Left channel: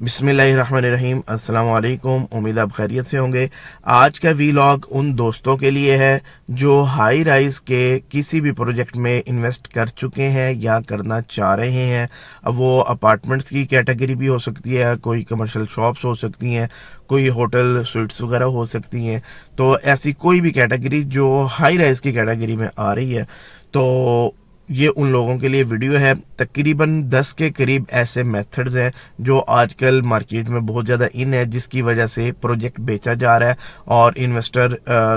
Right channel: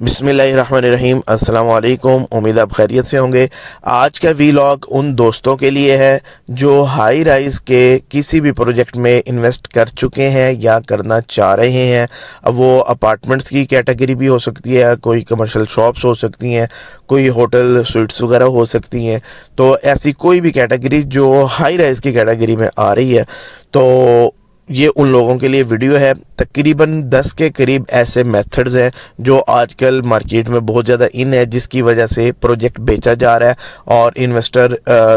बिस्मिल्लाहिर्रहमानिर्रहीम। अस्सलाम वालेकुम। उम्मीद आप खैरियत से होंगे। आज का वीलॉग उन दोस्तों के लिए है जो हाई राइज के किसी भी प्रोजेक्ट में इन्वेस्ट कर चुके हैं या करना चाह रहे हैं। अब वो अपार्टमेंट्स की कैटेगरी भी हो सकती है, कोई कमर्शियल शॉप्स हो सकती हैं, कोई होटल स्वीट्स वगैरह हो सकती हैं। तो ऐसी कोई भी कैटेगरी जो हाई राइज की कैटेगरी में आ रही है, तो ये उन लोगों के लिए वीडियो है। तकरीबन 10 के करीब ऐसे मेथड्स हैं जो आजकल मार्केट में बहुत ज़्यादा इन है, जिसकी वजह से प्रोजेक्ट बेचा जा रहा है और इन्वेस्टर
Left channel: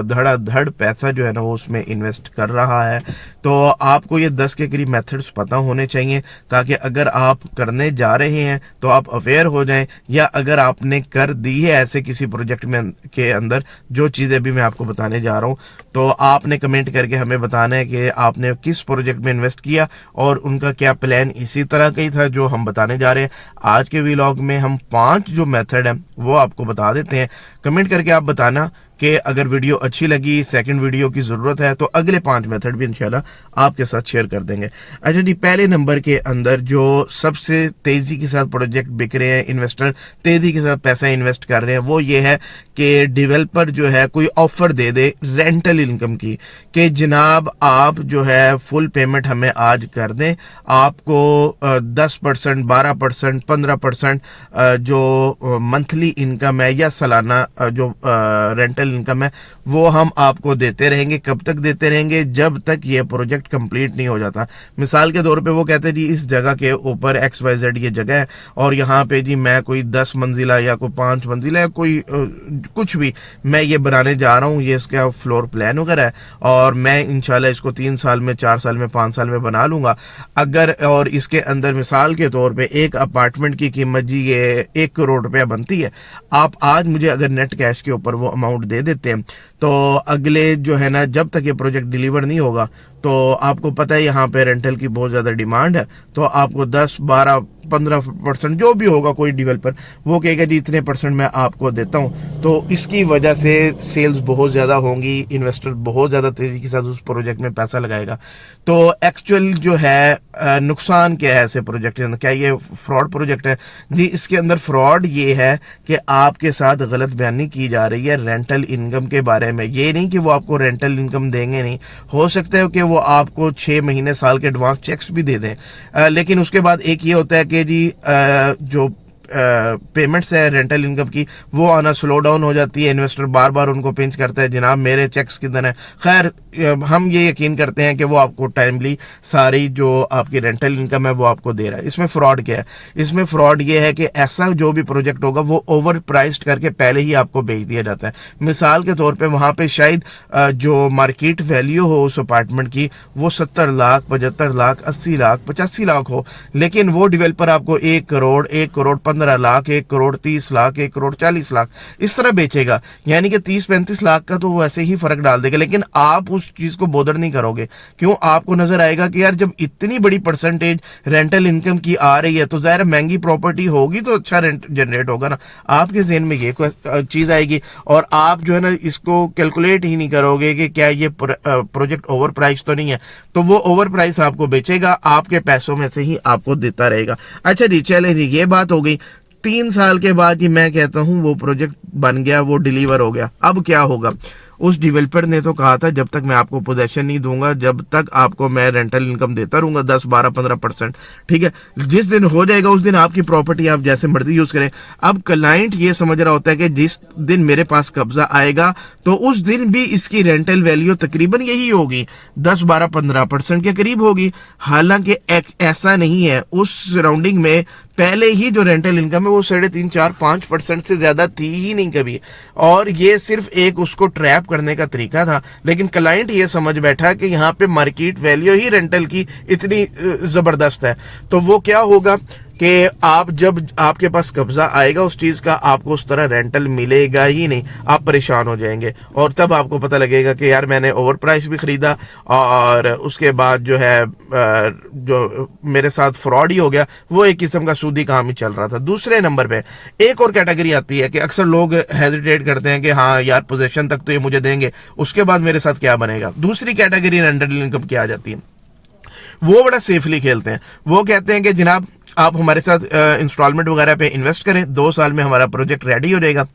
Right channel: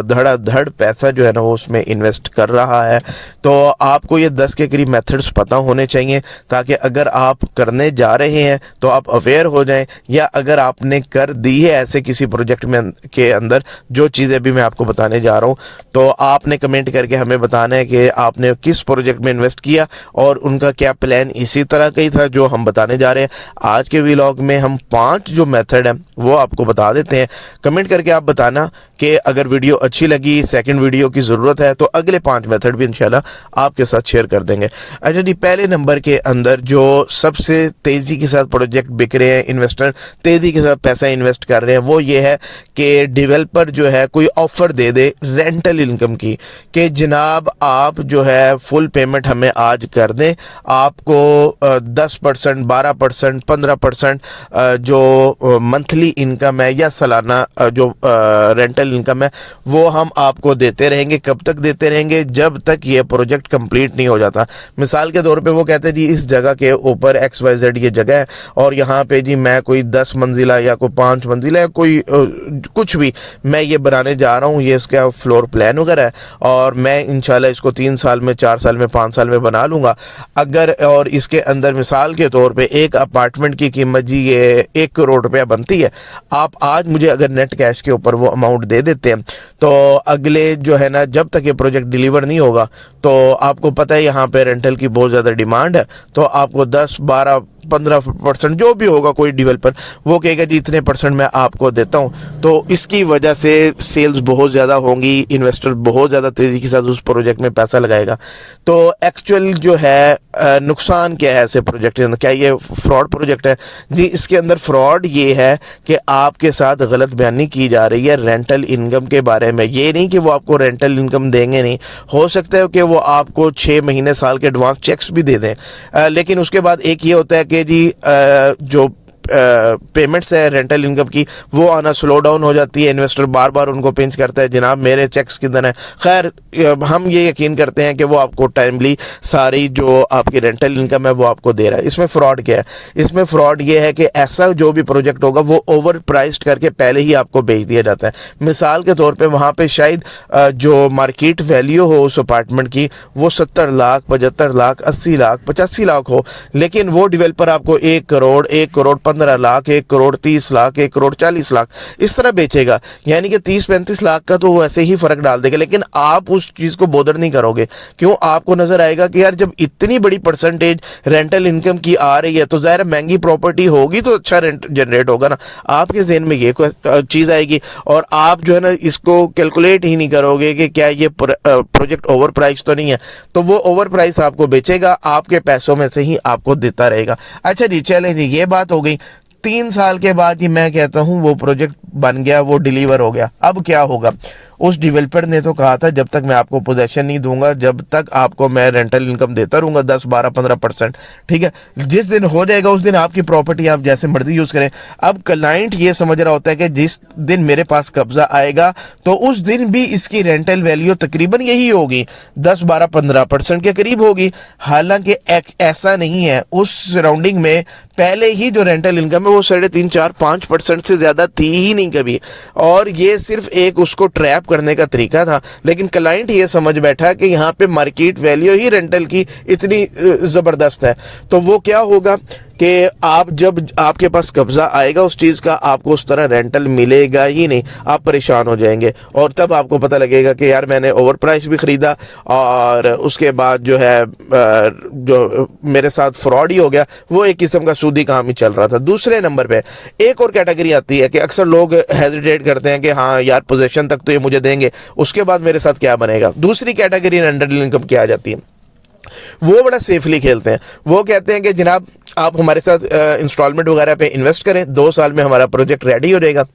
धड़ाधड़ पैसा जो है ना वो उसमें इन्वेस्ट कर रहा है। तो आपको ये 10 के करीब मेथड्स पता होने चाहिए, ताकि अगर आप करने जा रहे हैं तो आप अवेयर हो जाएं, या अगर आपने कर दी है ऐसे किसी प्रोजेक्ट में के अंदर जो चीज़ें भी मैं आपको बताने जा रहा हूँ, तो आपने कमेंट करके हमें बताना है कि आपने किस प्रोजेक्ट में इन्वेस्ट किया और उनका क्या प्लान इसी तरह का ही था जो हम बताने जा रहे हैं। आज के व्लॉग में हम 5 जो मेथड है वो आपको बता देते हैं। कमेंट करके आप बताना कि अगर वीडियो अच्छी लगी, सेकंड वीडियो की ज़रूरत है, तो अगले 5 मेथड भी इंशाल्लाह आपके साथ शेयर कर देंगे। अच्छा जी, पहले नंबर के अंदर जो सबसे तेज़ी के साथ प्रोजेक्ट बिक रहे हैं, इन्वेस्टर तेज़ी के साथ पैसा इन्वेस्ट कर रहे हैं, वो ये है कि डेवलपर जो है कोई ऑफ़र दे दे रेंटल इनकम की, कि जनाब आप जो है फुल पेमेंट हमें आज कर दें, आपको 10%, 12%, 15% जो मंथली इनकम है या सालाना जो रेंटल इनकम है वो हम आपको देते रहेंगे। कब तक देते रहेंगे? जब तक ये प्रोजेक्ट कंप्लीट नहीं हो जाता। मिसाल के तौर पे वो कहते हैं जी इस जगह के ऊपर XYZ ये जगह है और यहाँ पे जी मैं कोई 10 मंजिला या कोई 5 मंजिला या कोई कुछ भी मैं ये बनाने जा रहा हूँ, ये इसका फ्लोर प्लान वगैरह है और मैं इंशाल्लाह इसको 3 साल में, 4 साल में, 5 साल में बना लूँगा। अगर और इसके अंदर मिसाल के तौर पे एक अपार्टमेंट की कीमत जी ये 1 करोड़ रुपया बनती है, आप आज मुझे अगर नेट कैश के ऊपर वो अमाउंट दे देते हैं, तो अगले जो है ना जब तक ये प्रोजेक्ट डिलीवर नहीं होगा, तो आपको पता है यहाँ पे रेंटल की बहुत ज़्यादा डिमांड है, तो आपको 10, 12, 15% जो भी होगा, कोई डेवलपर वो कहेगा जी इतने परसेंट मैं आपको देता हूँ। तो इसकी वजह से सेल्स बहुत ज़्यादा होंगी, इन्वेस्टर बहुत ज़्यादा तेज़ी के साथ उस प्रोजेक्ट में पैसा लगाएगा। तो एक्चुअल जो है नुकसान क्या है ऐसे प्रोजेक्ट के अंदर? क्या ये फ्रॉड प्रोजेक्ट है? जी, इसके अंदर फ्रॉड ये है कि आपके साथ गलत बयानी की जा रही है रेंटल इनकम के बारे में। ये नहीं कि वो आपको रेंटल इनकम देंगे, नहीं, हो सकता है कि वो आपको 6 महीने, साल के एडवांस चेक्स भी दे दें, लेकिन उसके बाद एक ये होता है कि जी जो पेमेंट्स है रेंटल इनकम की वो आना स्लो डाउन हो जाती है। इन्वेस्टर बार बार उनको पिंच करता है, जनाब मेरे चेक्स किधर है। खैर, हम ये यकीन करते हैं कि वो आपको टाइमली सारी जो आपकी रेंटल इनकम है वो आपको दे रहा है। इसमें फ्रॉड क्या है? इसमें फ्रॉड ये है कि ऐसा जो भी प्रोजेक्ट होगा वो ओवर प्राइस्ड करके पहले ही आपको बेच दिया जाता है। मिसाल के तौर पर वहाँ पर शायद जो मार्केट वैल्यू हो उस अपार्टमेंट की वो 70 लाख, 75 लाख, 80 लाख, 85 लाख हो, लेकिन वो डेवलपर आपको 1 करोड़, 1 करोड़ 15 लाख, 1 करोड़ 30 लाख, 1 करोड़ 40 लाख इस तरह बेचेगा। यानी कि 30-35 लाख का तो वो ऐसे ही फर्क डाल देगा, लेकिन आप उस चीज को बोदर नहीं करोगे। क्यों? आपको नजर आएगा कि यार जब इतनी बड़ी परसेंटेज रेंटल इनकम की आ रही है तो जाहिर महंगी प्रॉपर्टी होगी तो अच्छा रेंट जनरेट होगा ना। आपके जहन में ये चीज आएगी और आप जो है ना इसको कैलकुलेट ही नहीं करोगे कि क्या ये प्रोजेक्ट ओवर प्राइस तो नहीं है, तो वो ओवर प्राइस आपको बेचेगा, आपके पैसों में से ही आपको देता रहेगा। अच्छा जी, चले जी, ये बात हो गई। 3 साल के बाद ही मैं कहता हूं वो प्रोजेक्ट बन गया, वो डिलीवर हो गया। अब क्या होगा? उस डेवलपर ने तो कहा था जब तक मैं आपको पोजेशन नहीं दूंगा, जब तक आपको मैं रेंटल इनकम देता रहूंगा 10, 12, 15%। ठीक है, जिस दिन हो जाएगा उस दिन आपकी प्रॉपर्टी आप जैसे मर्जी यूज करें। अब क्लाइंट ये समझ रहा होता है कि जिस दिन मेरे पास कब्जा आएगा तो उस दिन भी इसकी रेंटल वैल्यू तकरीबन यही होगी, 10, 12, 15% के करीब होगी। हालांकि ऐसा नहीं है, उस सराउंडिंग में पहले ही जो रेंटल इनकम है वो 3.5, 4, 5% से ज्यादा थी ही नहीं कभी, और ये सिर्फ एक उसको ट्रैप करने का तरीका था। लेकिन क्लाइंट ये समझ बैठा कि यहाँ पे मार्केट वैल्यू ही रेंटल की इतनी जबरदस्त है, तो वो क्या होगा कि आप जब आपके पास कब्जा आएगा उस चीज़ का, आपको उस तरह रेंटल मिलेगा ही नहीं, आप परेशान हो जाएंगे। और तब आपको पता लगेगा कि यार मैंने ओवर प्राइस भी ख़रीदा और उसके बाद जो है जो मेरे साथ फ्रॉड ही हो गया, वो एक किस्म का सूदी काम ही चल रहा था। दूसरे नंबर पे एक और कैटेगरी आती है कि अक्सर लोग हेजिटेट करते हैं कि हाँ यार पोजीशन तक तो ये मुझे देंगे, उसके बाद मेरे साथ क्या बनेगा। दूसरी कैटेगरी रेंटल इनकम की आ जाती है। वो बड़ा सेफली खेलते हैं। वो कहते हैं कि जनाब आप हमारे साथ इंस्टॉलमेंट वगैरह पे इन्वेस्ट करें, 2 साल में हमारा प्रोजेक्ट रेडी हो जाएगा।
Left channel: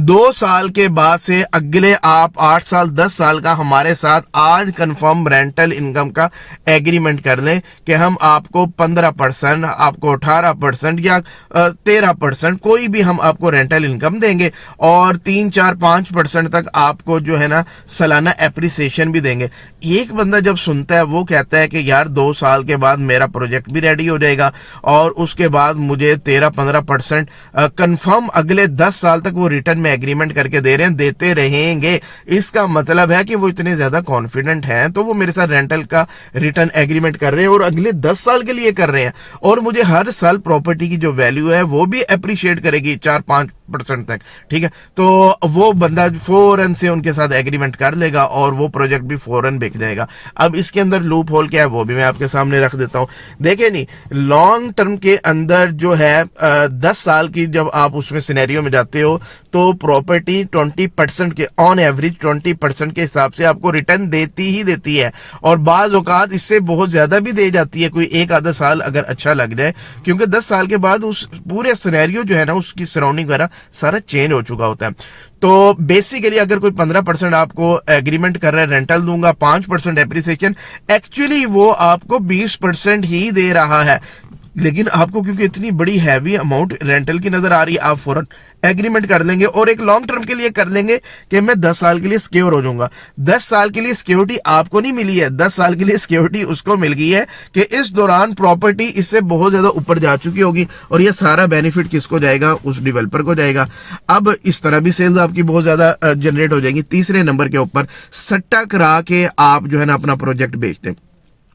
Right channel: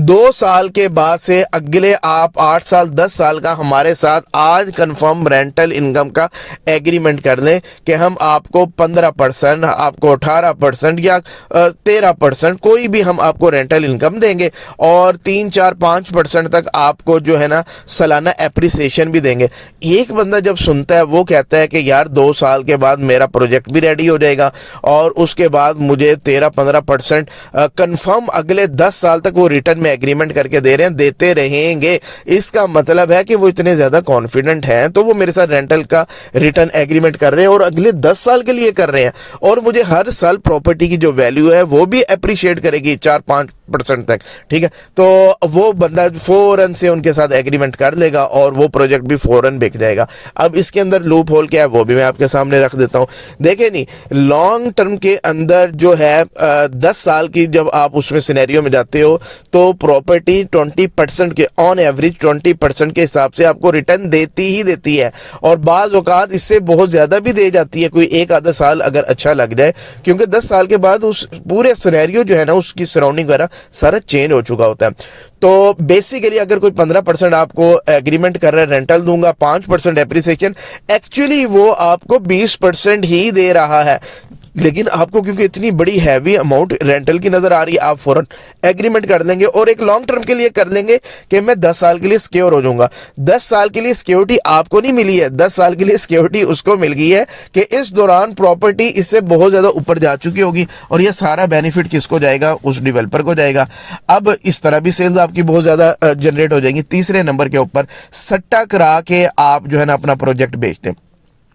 2 साल के बाद से अगले आप 8 साल 10 साल का हमारे साथ आज कंफर्म रेंटल इनकम का एग्रीमेंट कर लें कि हम आपको 15%, आपको 18% या 13%, कोई भी हम आपको रेंटल इनकम देंगे और 3 4 5% तक आपको जो है ना सालाना एप्रिसिएशन भी देंगे। एक बंदा जब सुनता है वो कहता है कि यार 2 साल के बाद मेरा प्रोजेक्ट भी रेडी हो जाएगा और उसके बाद मुझे 13-15% कंफर्म अगले 10 साल तक वो रिटर्न में एग्रीमेंट करके दे रहे हैं, देते रहेंगे। इसका मतलब है कि वो इतने ज्यादा कॉन्फिडेंट हैं, तो वो मेरे साथ रेंटल का रिटर्न एग्रीमेंट कर रहे हैं और अगले 10 साल के लिए कर रहे हैं और मुझे हर साल प्रॉपर्टी की जो वैल्यू है वो भी अप्रिशिएट करेगी 4-5% तक। ठीक है, तो वो बंदा फौरन से उनके साथ एग्रीमेंट कर लेगा और वो प्रोजेक्ट भी फौरन बिक जाएगा। अब इसके अंदर लूप होल क्या है वो भी मैं आपके सामने रख देता हूं। देखे नहीं, लॉन्ग टर्म के अंदर जो है 10 साल की जब आप उसमें सिनेरियो में जाते हो तो प्रॉपर्टी 20% के ऑन एवरेज 20% के हिसाब से आपको रिटर्न देती ही देती है और बाज औकात इससे बहुत ज्यादा भी दे जाती है, कोई एक आधा साल अगर अच्छा लग जाए, क्योंकि 10 साल के बाद उस पूरे सिनेरियो जो है ना उसकी सराउंडिंग वगैरह सारा चेंज हो चुका होता है। तो बेसिकली अगर कोई 15% आपको एग्रीमेंट कर रहा है रेंटल दूंगा, 5% एप्रिसिएशन, एक्चुअली वो आपको 20% ही दे रहा है, लेकिन आपको क्योंकि इतनी बड़ी हैवी अमाउंट रेंटल की नजर आ रही है, आप फौरन एग्रीमेंट कर लेंगे और एक लॉन्ग टर्म के लिए कर लेंगे कि मैं 10 साल के लिए सिक्योर हो जाऊंगा। 10 साल के लिए सिक्योरिटी आपको नहीं मिली है, 10 साल के लिए सिक्योरिटी उसको मिल गई है कि इस दौरान प्रॉपर्टी इससे बहुत ज्यादा ऊपर जा चुकी होगी और ये सारा बेनिफिट किसको जाएगा, उस डेवलपर को जाएगा। अब इस तरह भी सेल्स आपकी बहुत ज्यादा जनरेट हो जाएगी। तीसरे नंबर के ऊपर सट्टा करा के आप जो है ना अपना प्रोजेक्ट बेचते हैं।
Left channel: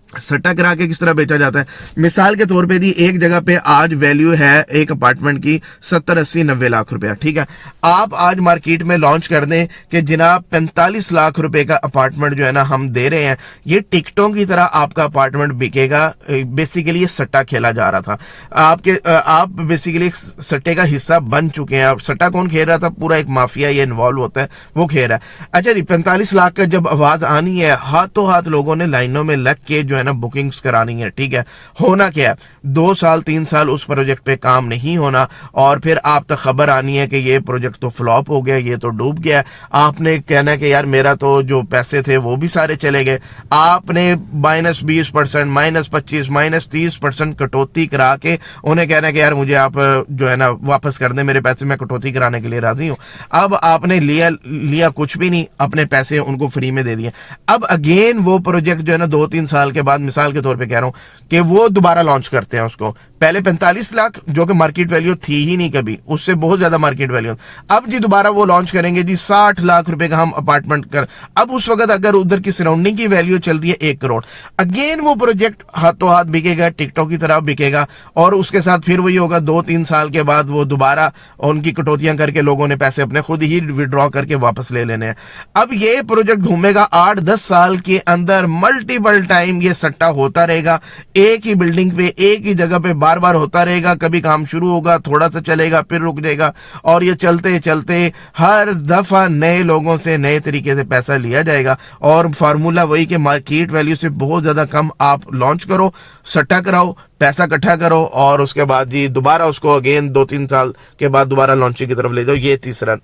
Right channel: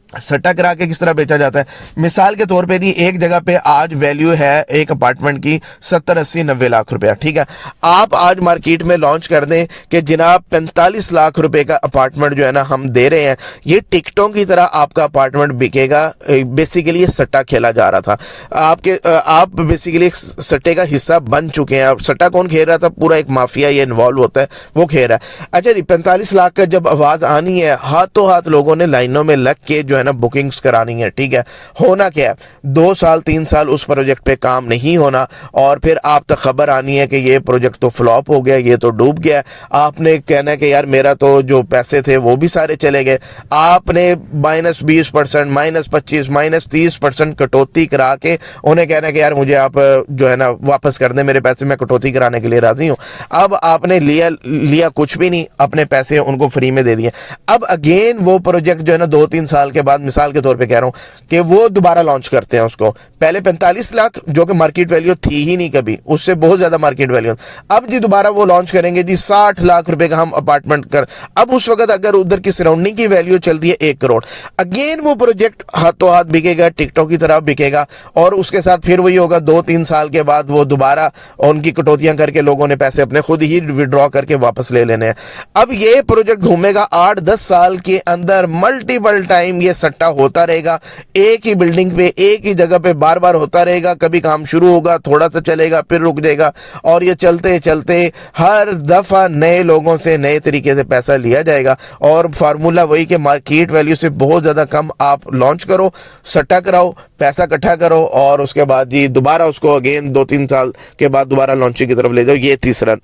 सट्टा करा के किस तरह बेचा जाता है, मिसाल के तौर पे जी एक जगह पे आज वैल्यू है एक अपार्टमेंट की 70-80-90 लाख रुपया। ठीक है, आप आज मार्केट में लॉन्च कर दें कि जनाब 45 लाख रुपए का अपार्टमेंट जो है ना हम दे रहे हैं, ये टिकटों की तरह आपका अपार्टमेंट बिकेगा। बेसिकली ये सट्टा खेला जा रहा था, आप बेसिकली सट्टे का हिस्सा बन चुके हैं। अब सट्टा कौन खेल रहा था, पूरा एक माफिया ये इन्वॉल्व होता है, वो खेल रहा है। अच्छा जी, 45 लाख का जब आवाज आनी है, हाथों हाथ लोगों ने लाइनों में लग के जो है ना बुकिंग्स करानी है। ठीक है, होना क्या है, 2 साल 3 साल उस प्रोजेक्ट पे काम नहीं होना और फिर आप तक खबर आनी है कि ये प्रोजेक्ट तो फ्लॉप हो गया, ये तो डूब गया। आपने कहना है कि यार मेरा तो जो पैसे थे वो भी सारे चले गए। आपने -20%, -25%, -30% कटौती करा के उन्हें कहना है कि यार मुझे आप जो है ना वापस कर दें मेरे पैसे, मैं कटौती कराने के लिए राजी हूं। अब आपने लिया कुछ भी नहीं, अपने पैसे उनको फ्री में दे दिए। अब अगेन वो प्रोजेक्ट जो है ना 2-3 साल के बाद, मिसाल के तौर पे कह रहा हूं कि वो दोबारा लॉन्च करते हैं उसको। पहले 45 लाख जो कि मार्केट वैल्यू थी ही नहीं कभी, उससे बहुत ज्यादा मार्केट वैल्यू। अब जी दोबारा वो लॉन्च करेंगे जी 60 लाख रुपए का हम अपार्टमेंट कर। अब उस वक्त अगर उधर की सराउंडिंग की वैल्यू चल रही है 1 करोड़, अगेन वो प्रोजेक्ट हाथों हाथ बिकेगा, टिकटॉक की तरह बिकेगा और उसके साथ फिर वही होगा। 2-3 साल के बाद वो दोबारा उनकी कटौतियां करके लोगों ने पैसे अपने खुद ही विड्रॉ करके वापस ले लेने हैं। अब ये प्रोजेक्ट घूमेगा 8-10 साल के अंदर, मल्टीपल टाइम ये सट्टा होता रहेगा, एक ही बिल्डिंग पे एक ही जगह पे बार बार होता रहेगा। कभी काम शुरू होगा, थोड़ा सा चलेगा, फिर रुक जाएगा और ये चलते चलते हर दफा नए लोगों से नए तरीके से पैसा लिया जाएगा और फार्मूला वही कि मार्केट वैल्यू से बहुत ज्यादा कम आप लॉन्च करो, सट्टा कराओ, पैसा इकट्ठा करो और उसके बाद जी दोबारा उसको अगेन 2-3 साल के बाद दोबारा लॉन्चिंग की तरफ ले जाओ। ये तीसरा।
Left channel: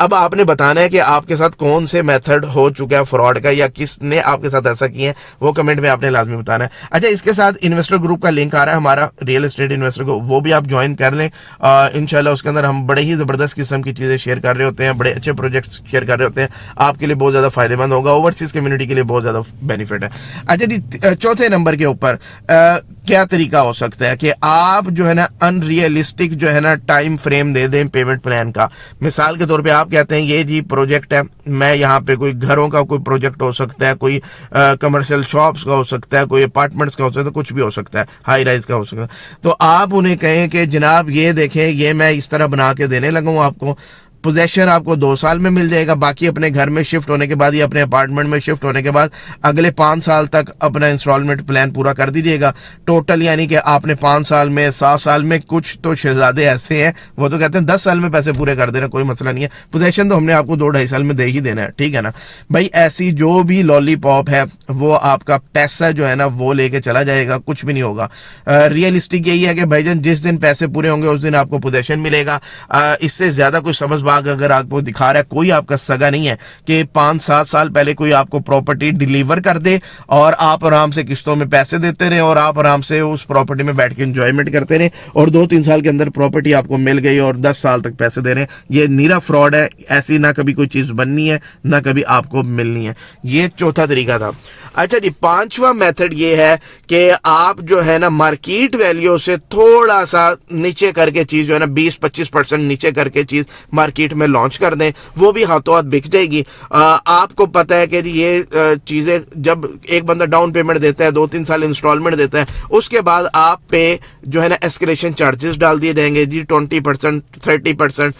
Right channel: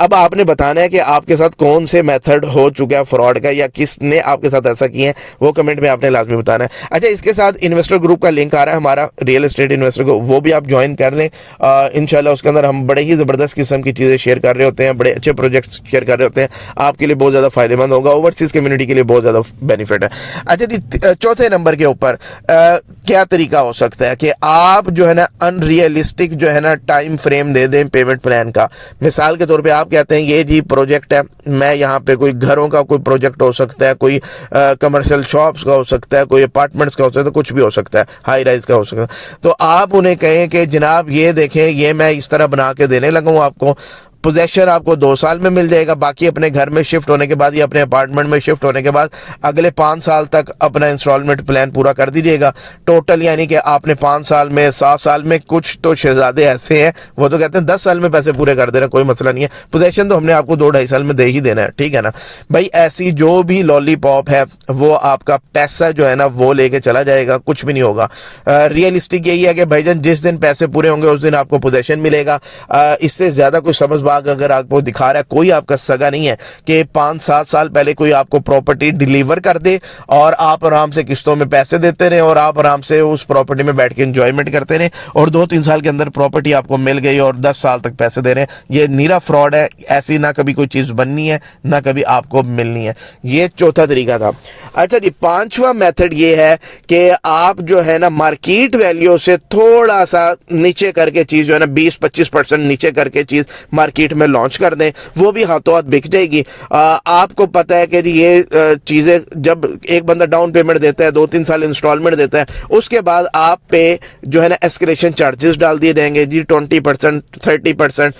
अब आपने बताना है कि आपके साथ कौन से मेथड हो चुका है फ्रॉड का या किसने आपके साथ ऐसा किया है, वो कमेंट में आपने लाजमी बताना है। अच्छा, इसके साथ इन्वेस्टर ग्रुप का लिंक आ रहा है हमारा, रियल एस्टेट इन्वेस्टर को, वो भी आप ज्वाइन कर लें। इंशाल्लाह उसके अंदर हम बड़े ही जबरदस्त किस्म की चीजें शेयर कर रहे होते हैं, बड़े अच्छे प्रोजेक्ट शेयर कर रहे होते हैं, आपके लिए बहुत ज्यादा फायदेमंद होगा, ओवरसीज कम्युनिटी के लिए बहुत ज्यादा बेनिफिट है। अच्छा जी, चौथे नंबर के ऊपर क्या तरीका हो सकता है कि आप जो है ना अनरियलिस्टिक जो है ना टाइम फ्रेम दे दें पेमेंट प्लान का। मिसाल के तौर पे आप कहते हैं ये जी प्रोजेक्ट है, मैं यहाँ पे कोई घरों का कोई प्रोजेक्ट हो सकता है, कोई कमर्शियल शॉप्स का हो सकता है, कोई अपार्टमेंट्स का हो सकता है, कुछ भी हो सकता है, हाई राइज का हो सकता है। तो आप उन्हें कहें कि जनाब ये देखें, ये मैं इस तरह बना के देने लगा हूँ आपको, पोजेशन आपको 2 साल में मिल जाएगा, बाकी अपने घर में शिफ्ट होने के बाद या अपने अपार्टमेंट में शिफ्ट होने के बाद अगले 5 साल तक अपना इंस्टॉलमेंट प्लान पूरा कर दीजिएगा टोटल। यानी कि आपने 5 साल में 7 साल में, कुछ तो शहजादे ऐसे हैं वो तो कहते हैं 10 साल में पैसे पूरे कर दे रहे हैं, कोई मसला नहीं है। पोजेशन तो हमने आपको 2-2.5 साल में दे ही देना है, ठीक है ना भाई। ऐसी जो भी लॉलीपॉप है वो आपका पैसा जो है ना वो लेके चला जाएगा, कुछ भी नहीं होगा। रियलिस्टिक यही है कि भाईजान जिस दिन पैसे पूरे होंगे उस दिन आपको पोजेशन मिलेगा। इससे ज्यादा कोई सब्ज बाग अगर आपको दिखा रहा है, कोई आपका सगा नहीं है कि 5-7 साल पहले कोई आपको प्रॉपर्टी डिलीवर कर दे और आप आराम से किस्तों में पैसे देते रहे और आप आराम से उस प्रॉपर्टी में बैठ के एंजॉयमेंट करते रहे और 2-3 साल के अंदर प्रॉपर्टी आपको मिल गई और 10 साल तक पैसे दे रहे हैं। ये नीरा फ्रॉड है। ऐसी ना कभी कोई चीज बननी है ना कभी आपको मिलनी है। ये चौथा तरीका था। अच्छा जी, 5वां मेथड ये है कि आप जो है ना मार्केट वैल्यू से थोड़ा सा नीचे करके चीज जो है ना 20-25% नीचे करके चीज मार्केट में लॉन्च कर दें, वो भी हाथों हाथ बिक जाएगी। आपको पता है कि ये चीजें जब एक बंदा डाउन पेमेंट देता है, 2-3 साल इंस्टॉलमेंट देता है, उसके बाद आप पे जो है ना एस्केलेशन चार्जेस डाल दिए जाएंगे जी, 20%, 30%,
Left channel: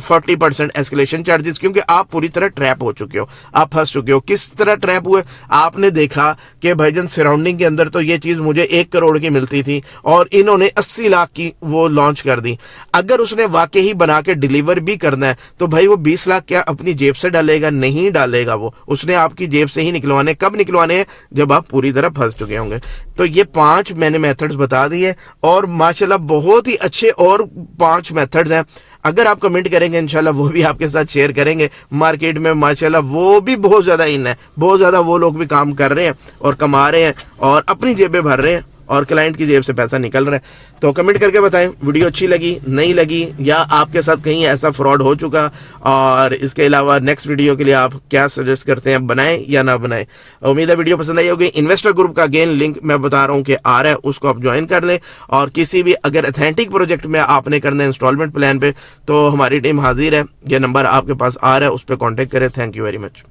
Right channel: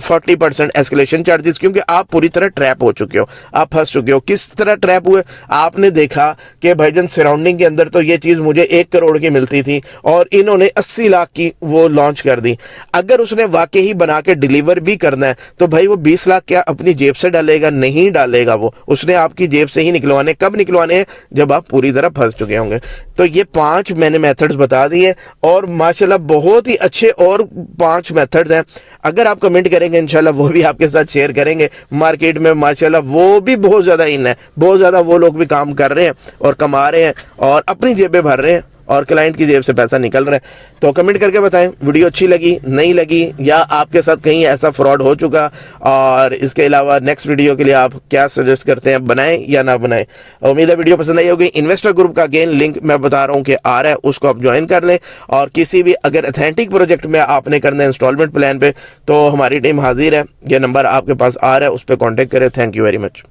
40% एस्केलेशन चार्जेस, क्योंकि आप पूरी तरह ट्रैप हो चुके हो, आप फंस चुके हो। किस तरह ट्रैप हुए? आपने देखा कि भाईजान सराउंडिंग के अंदर तो ये चीज मुझे 1 करोड़ की मिलती थी और इन्होंने 80 लाख की वो लॉन्च कर दी। अगर उसने वाकई ही बना के डिलीवर भी करना है तो भाई वो 20 लाख क्या अपनी जेब से डालेगा? नहीं डालेगा। वो उसने आपकी जेब से ही निकलवाने। कब निकलवाने हैं? जब आप पूरी तरह फंस चुके होंगे। तो ये 5 मैंने मेथड्स बता दिए और माशाल्लाह बहुत ही अच्छे और 5 मेथड्स हैं। अगर आप कमेंट करेंगे इंशाल्लाह वो भी आपके साथ शेयर करेंगे। मार्केट में माशाल्लाह वो भी बहुत ज्यादा इन है, बहुत ज्यादा वो लोग भी काम कर रहे हैं और कमा रहे हैं और अपनी जेबें भर रहे हैं और क्लाइंट की जेब से पैसा निकल रहा है। तो कमेंट करके बताएं वीडियो अच्छी लगी, नहीं लगी, या आपके साथ कहीं ऐसा फ्रॉड हो चुका। और इसके अलावा नेक्स्ट वीडियो के लिए आप क्या सजेस्ट करते हैं, बनाएं या ना बनाएं। उम्मीद है वीडियो पसंद आई होगी। इन्वेस्टर ग्रुप का अगेन लिंक मैं बता रहा हूं कि आ रहा है, उसको आप ज्वाइन कर लें। और किसी भी अगर अथेंटिक प्रोजेक्ट में आपने करना है इंस्टॉलमेंट प्लान पे तो हमारी टीम हाजिर है। ये नंबर आपके पास आ रहा है, उस पर कॉन्टेक्ट करें। Thank you very much.